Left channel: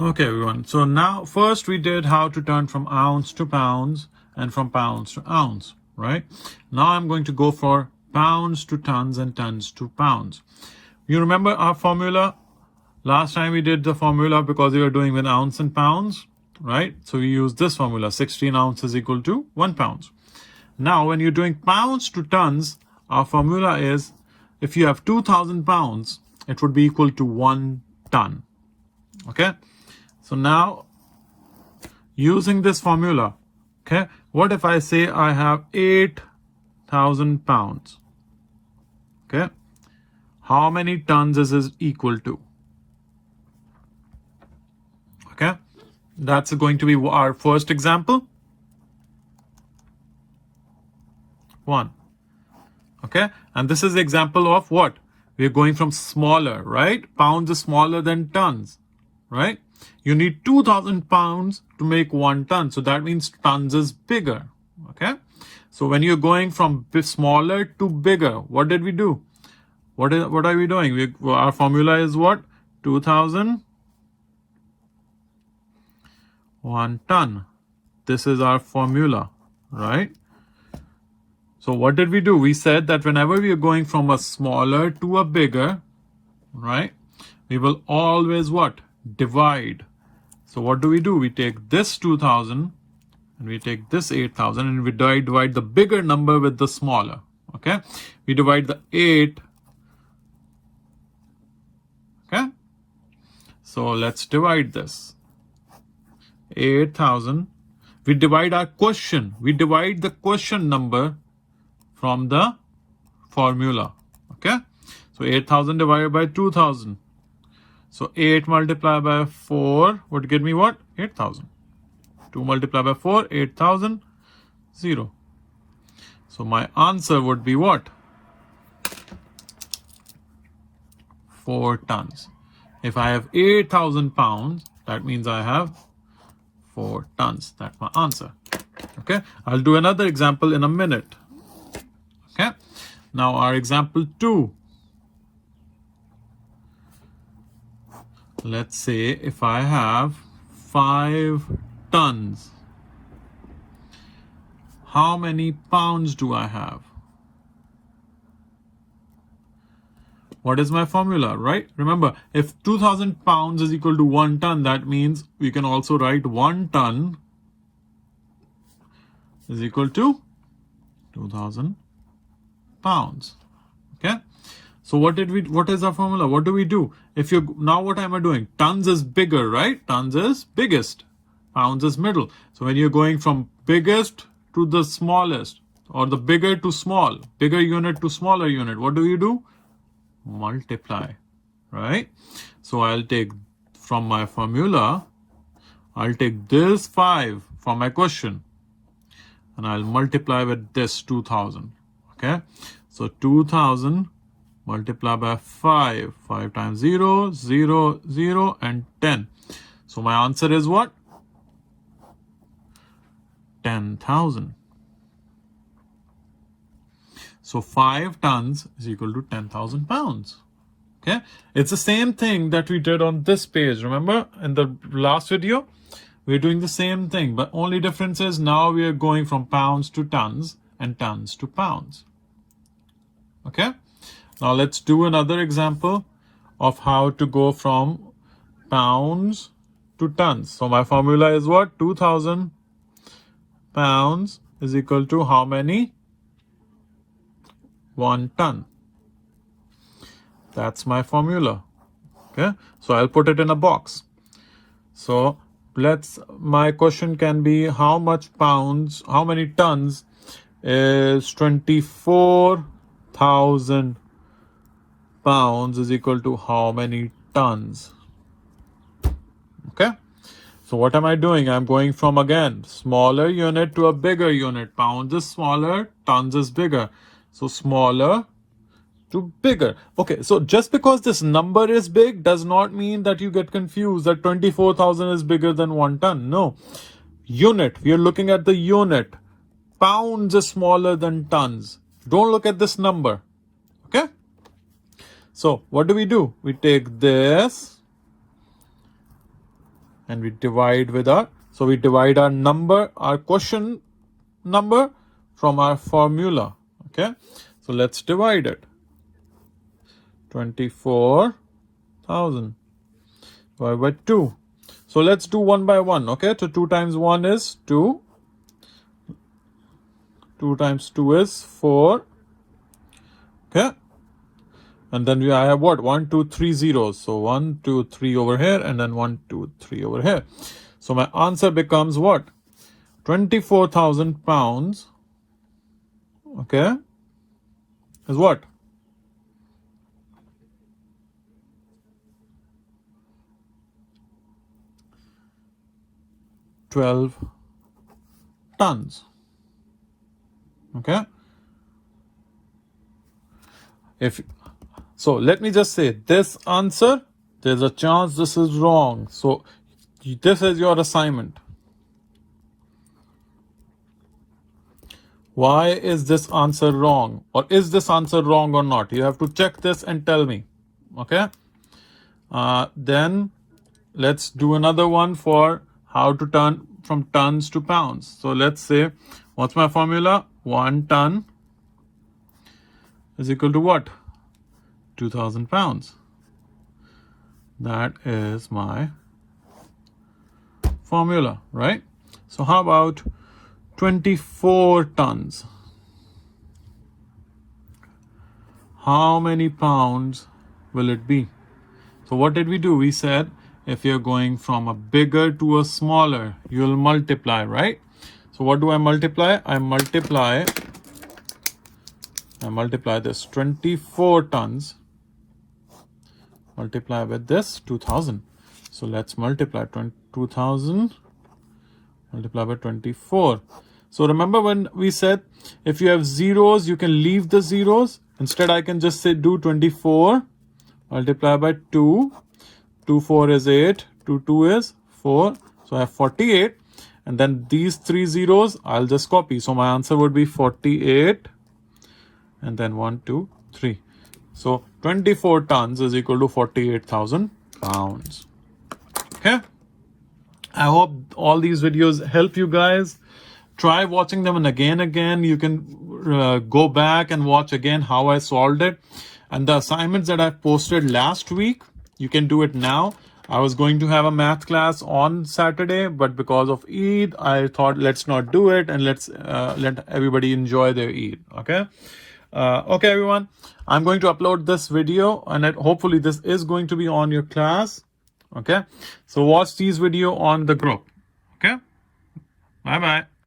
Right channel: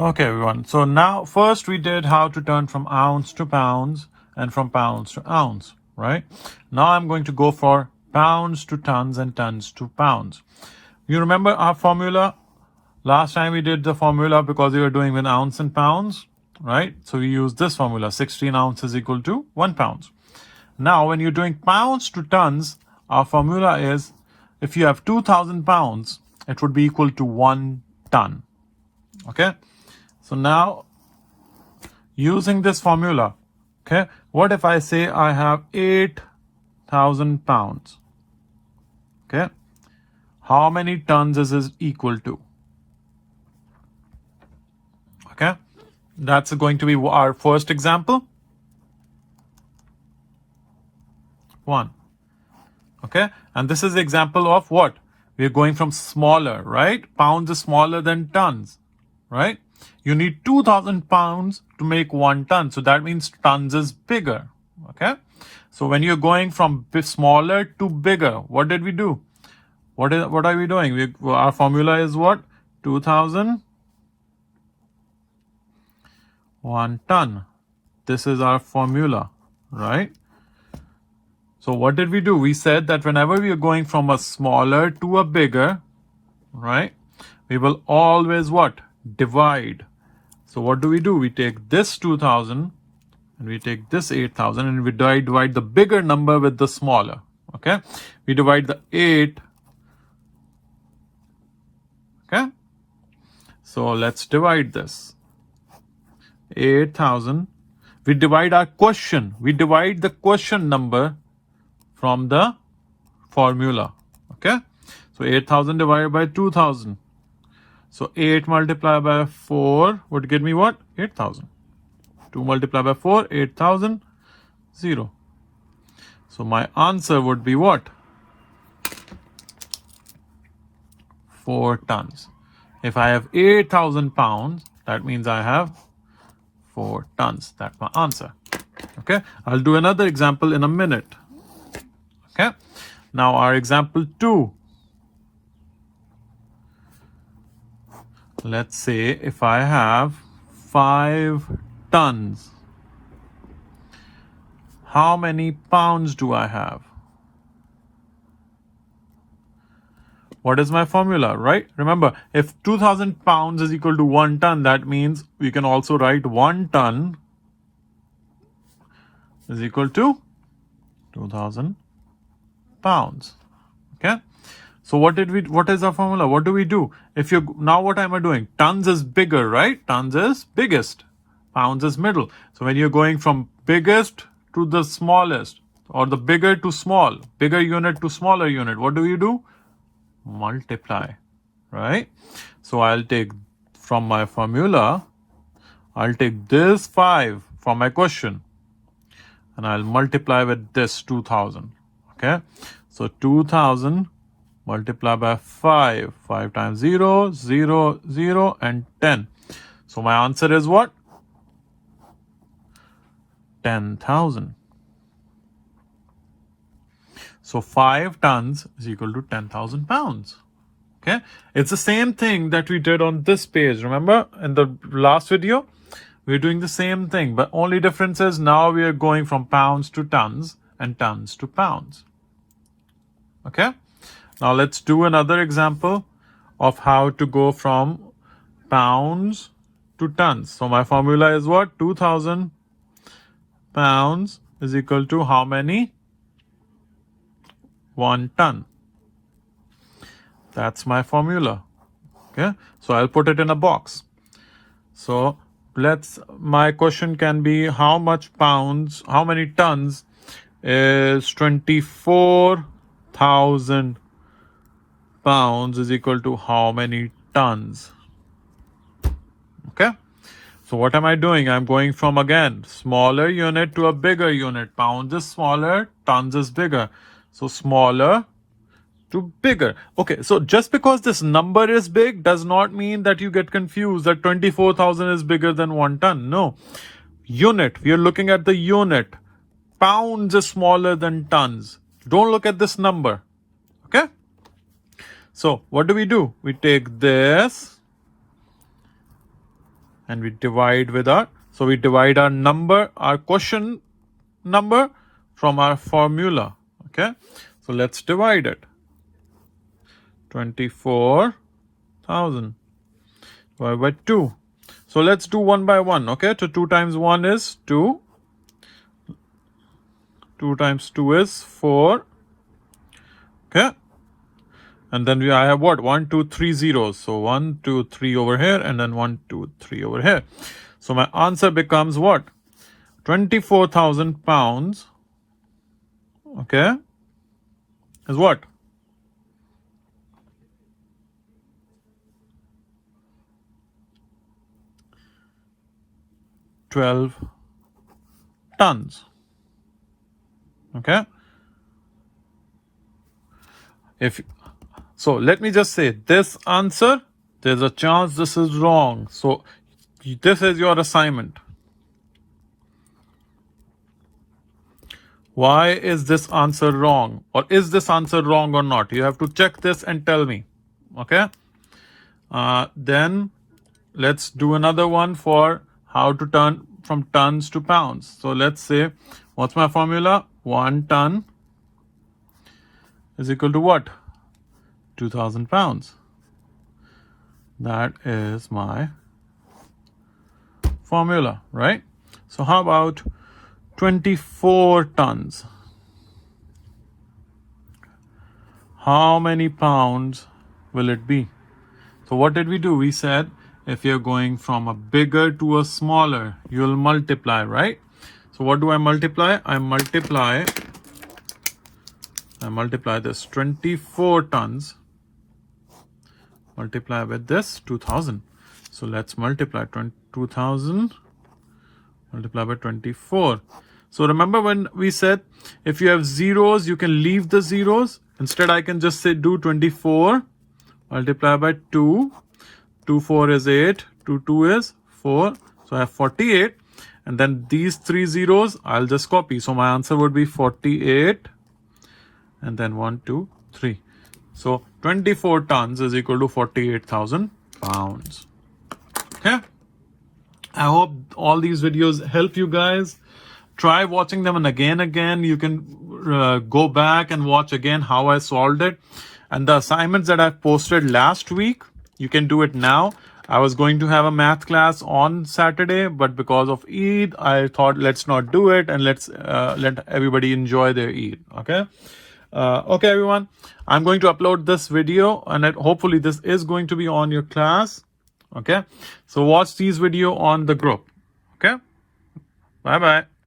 Okay, everyone. So now first we did how to turn from ounce to pounds and from pounds to ounce, right? Now I'm going to go for pounds to tons and tons to pounds. You remember our formula? Last time we did the formula because we were doing with ounce and pounds, right? So we use this formula, 16 ounces equal to 1 pound. Now, when you're doing pounds to tons, our formula is if you have 2,000 pounds, it would be equal to 1 ton. Okay? So now, using this formula, okay, what if I say I have 8,000 pounds? Okay? How many tons is this equal to? Okay? That's going to be our first example. 1. Okay? And this is the example of what? We're going from smaller, right? Pounds is smaller than tons, right? You need 2,000 pounds to make 1 ton. So that means tons is bigger. Okay. So when you're going from smaller to bigger, what did we do? What are we doing? Our formula is what? 2,000, 1 ton. This is our formula, right? So what did we do? We said that whenever we are going from a smaller to a bigger, right, we will always what? Divide. So what do? We take this 2,000 and we take this 8,000 and we divide the bigger number with the smaller. Okay. We divide the 8. Okay. So let's divide this. 8,000. We divide our question. We divide the question number from the formula. Okay. So 8,000 divided by 2,000. So 8 multiplied by 4 would give me what? 8,000. 2 multiplied by 4, 8,000, 0. So my answer would be what? 4 tons. If I have 8,000 pounds, that means I have 4 tons. That's my answer. Okay. I'll do another example in a minute. Okay. Now our example 2. Let's say if I have 5 tons, how many pounds do I have? What is my formula, right? Remember, if 2,000 pounds is equal to 1 ton, that means we can also write 1 ton is equal to 2,000 pounds. Okay. So what is our formula? What do we do? Now what am I doing? Tons is bigger, right? Tons is biggest. Pounds is middle. So when you're going from biggest to the smallest, or the bigger to small, bigger unit to smaller unit, what do? Multiply, right? So I'll take from my formula, I'll take this 5 from my question and I'll multiply with this 2,000. Okay. So 2,000 multiply by 5. 5 times 0, 0, 0, and 10. So my answer is what? 10,000. So 5 tons is equal to 10,000 pounds. Okay. It's the same thing that we did on this page. Remember in the last video, we're doing the same thing, but only difference is now we are going from pounds to tons and tons to pounds. Okay. Now let's do another example of how to go from pounds to tons. So my formula is what? 2,000 pounds is equal to how many? 1 ton. That's my formula. Okay. So I'll put it in a box. So my question can be how many tons is 24,000 pounds is equal to how many tons? Okay. So what am I doing? I'm going from, again, smaller unit to a bigger unit. Pounds is smaller, tons is bigger. So smaller to bigger. Okay, so just because this number is big does not mean that you get confused that 24,000 is bigger than 1 ton. No. Unit, we are looking at the unit. Pounds is smaller than tons. Don't look at this number. Okay. So what do? We take this and we divide with our, so we divide our number, our question number from our formula. Okay, so let's divide it. 24,000 divided by 2. So let's do one by one. Okay, so 2 times 1 is 2. 2 times 2 is 4. Okay, and then I have what? 1, 2, 3 zeros. So 1, 2, 3 over here, and then 1, 2, 3 over here. So my answer becomes what? 24,000 pounds. Okay, is what? 12 tons. Okay, if so, let me just say this answer, there's a chance this is wrong. So this is your assignment. Why is this answer wrong? Or is this answer wrong or not? You have to check this and tell me. Okay, then let's do another one for how to turn from tons to pounds. So let's say, what's my formula? 1 ton is equal to what? 2,000 pounds. That is my formula, right? So how about 24 tons? How many pounds will it be? So what did we do? We said if you're going from a bigger to a smaller, you'll multiply, right? So what do I multiply? I multiply this 24 tons multiply with this 2,000. So let's multiply 2,000 multiply by 24. So remember when we said if you have zeros, you can leave the zeros. Instead, I can just say do 24 multiply by 2. 2 4 is 8. 2 2 is 4. So I have 48. And then these 3 zeros, I'll just copy. So my answer would be 48. And then 1, 2, 3. So 24 tons is equal to 48,000 pounds. Okay. I hope all these videos help you guys. Try watching them and again. You can go back and watch again how I solved it. And the assignments that I posted last week, you can do it now. I was going to have a math class on Saturday, but because of Eid, I thought let's not do it and let's let everybody enjoy their Eid. Okay. Okay, everyone. I'm going to upload this video and hopefully this is going to be on your class. Okay. So watch these video on the group. Okay. Bye-bye.